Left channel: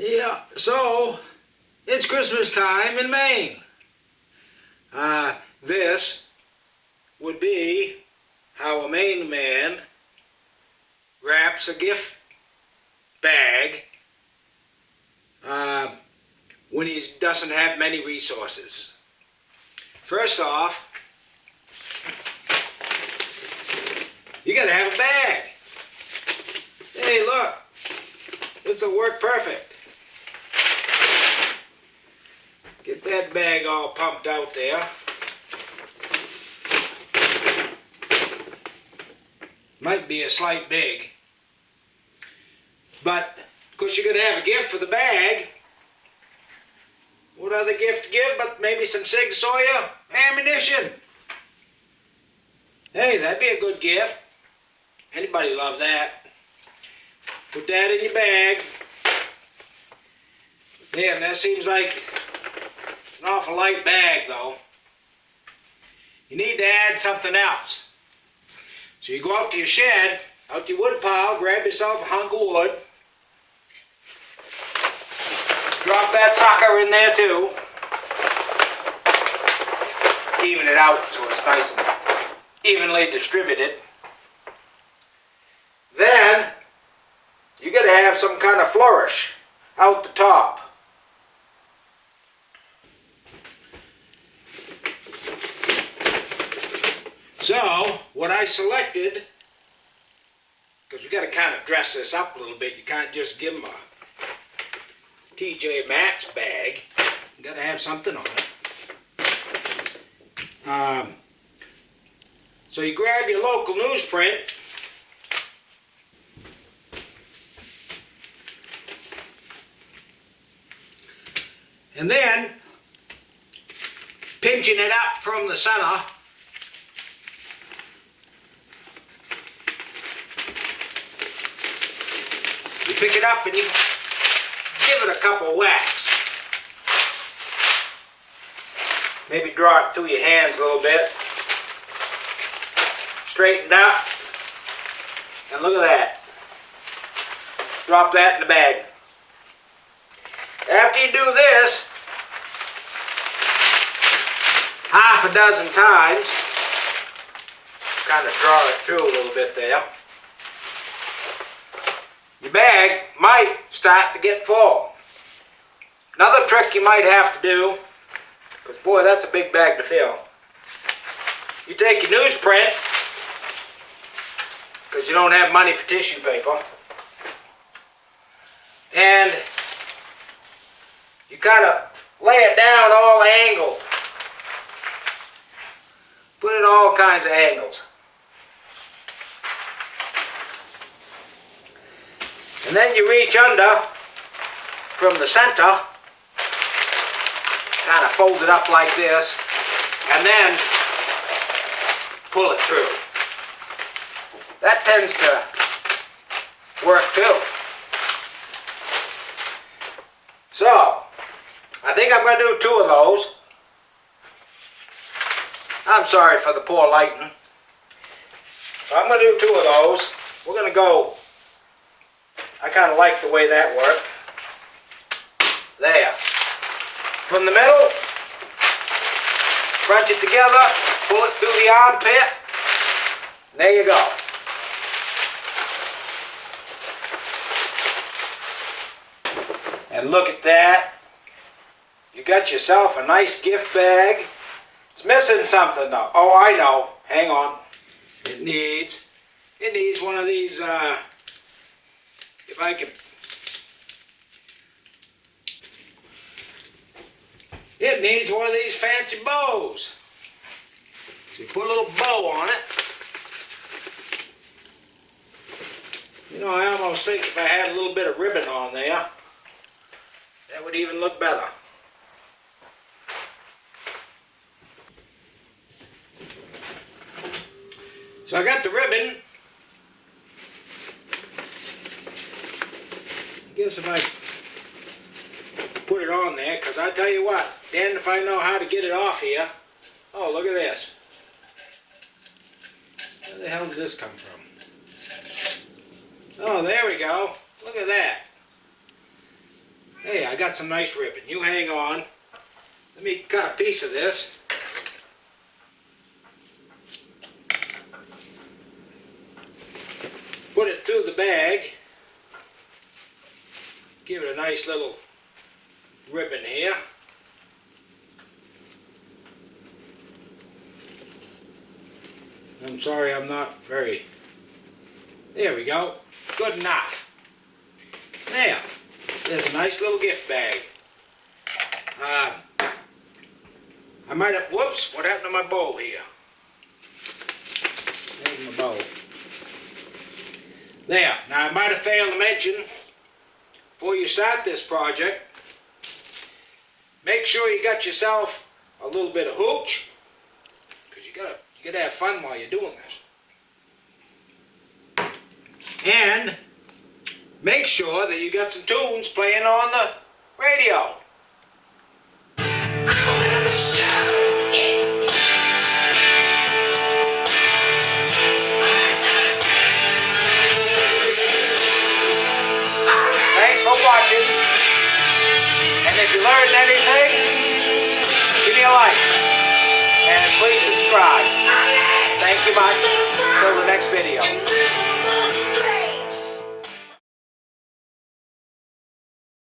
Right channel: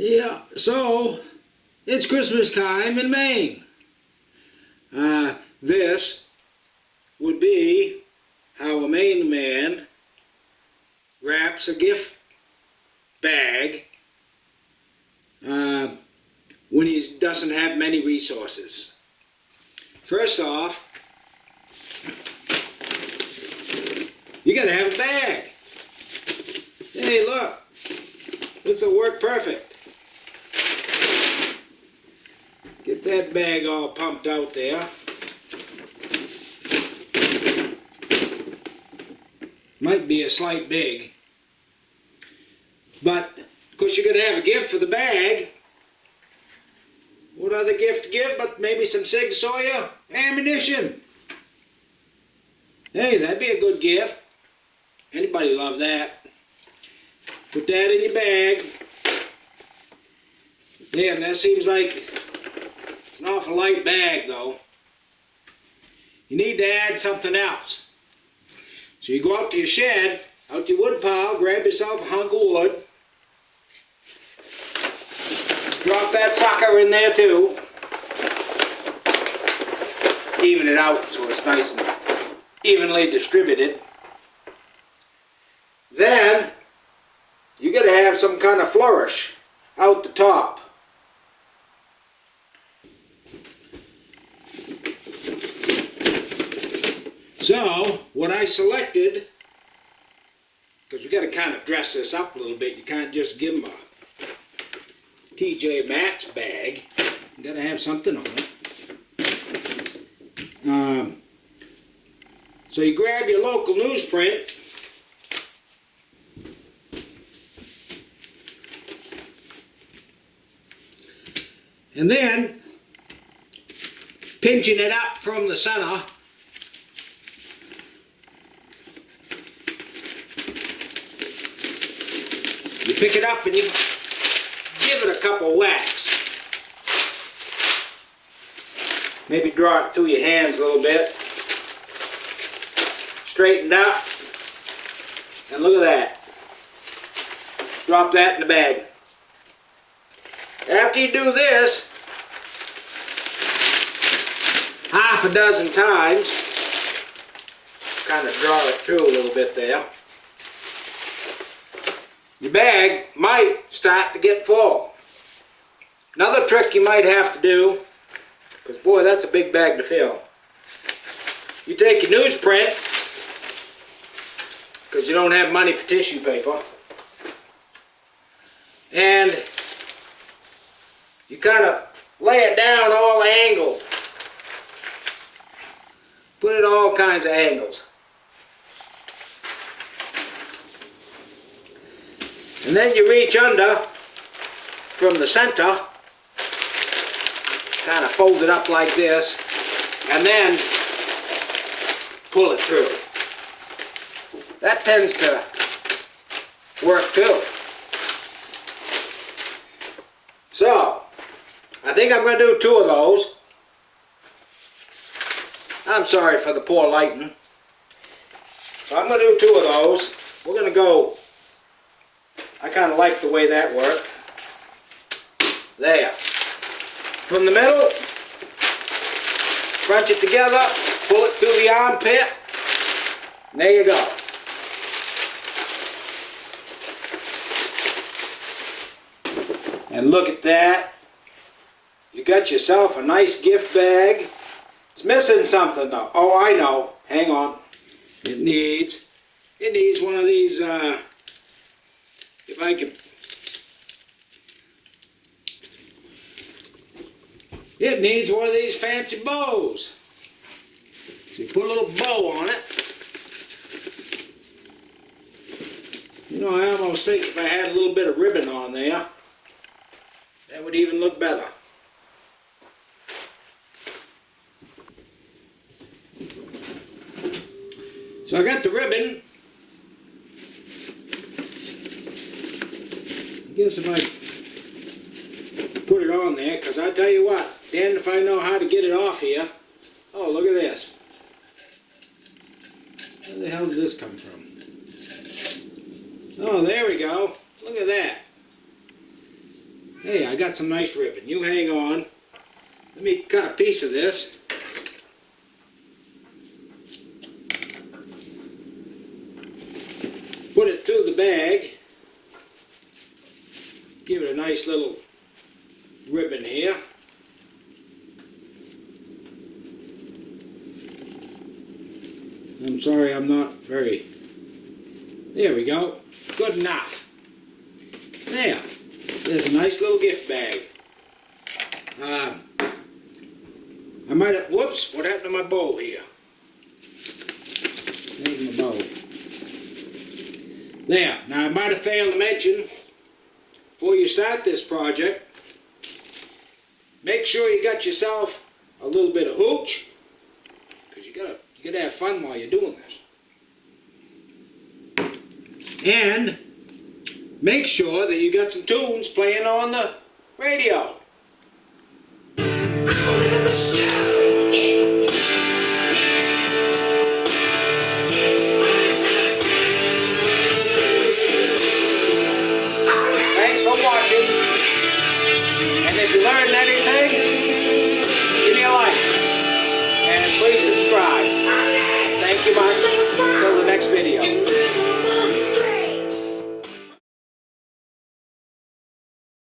Yeah, so it's Christmas time in Maine. This would be how a Maine man wraps a gift bag when he doesn't have many resources. First off, you gotta have a bag. Hey, look, this will work perfect. Get that bag all pumped out there. Might be a slight big, but of course you're going to have a gift for the bag. What other gift to give but maybe some Sig Sauer ammunition? Hey, that'd be a good gift. Anybody love that. Put that in your bag. Damn, that seems like it's an awful light bag though. You need to add something else. So you go out to your shed, out to your wood pile, grab yourself a hunk of wood. Drop that sucker in there too. Even it out so it's nice and evenly distributed. Then you got to have some kind of flourish out the top. So what I selected, because we got to kind of dress this up a little bit, you can't just give them a TJ Maxx bag. You got to have something on it. So you grab your local newsprint. And then, pinching it up from the center, you pick it up and you give it a couple whacks. Maybe draw it through your hands a little bit. Straightened up. And look at that. Drop that in the bag. After you do this half a dozen times, kind of draw it through a little bit there, your bag might start to get full. Another trick you might have to do, because boy, that's a big bag to fill. You take your newsprint, because you don't have money for tissue paper, and you kind of lay it down all angled. Put it all kinds of angles. And then you reach under from the center, kind of fold it up like this, and then pull it through. That tends to work too. So, I think I'm going to do 2 of those. I'm sorry for the poor lighting. So I'm going to do 2 of those. We're going to go, I kind of like the way that worked. There. From the middle, crunch it together, pull it through the armpit, and there you go. And look at that. You got yourself a nice gift bag. It's missing something though. Oh, I know. Hang on. It needs one of these, if I could. It needs one of these fancy bows. So you put a little bow on it. You know, I almost think if I had a little bit of ribbon on there, that would even look better. So I got the ribbon. I guess if I put it on there, because I tell you what, damned if I know how to get it off here. Oh, look at this. Where the hell did this come from? Oh, there we go. Look at that. Hey, I got some nice ribbon. You hang on. Let me cut a piece of this. Put it through the bag. Give it a nice little ribbon here. I'm sorry I'm not very... There we go. Good enough. There. There's a nice little gift bag. I might have... Whoops! What happened to my bow here? There's my bow. There. Now I might have failed to mention, before you start this project, make sure you got yourself a little bit of hooch, because you gotta have fun while you're doing this. And make sure that you got some tunes playing on the radio. Thanks for watching. And if you learned anything, give me a like. And please subscribe. Thank you much. Until the next video.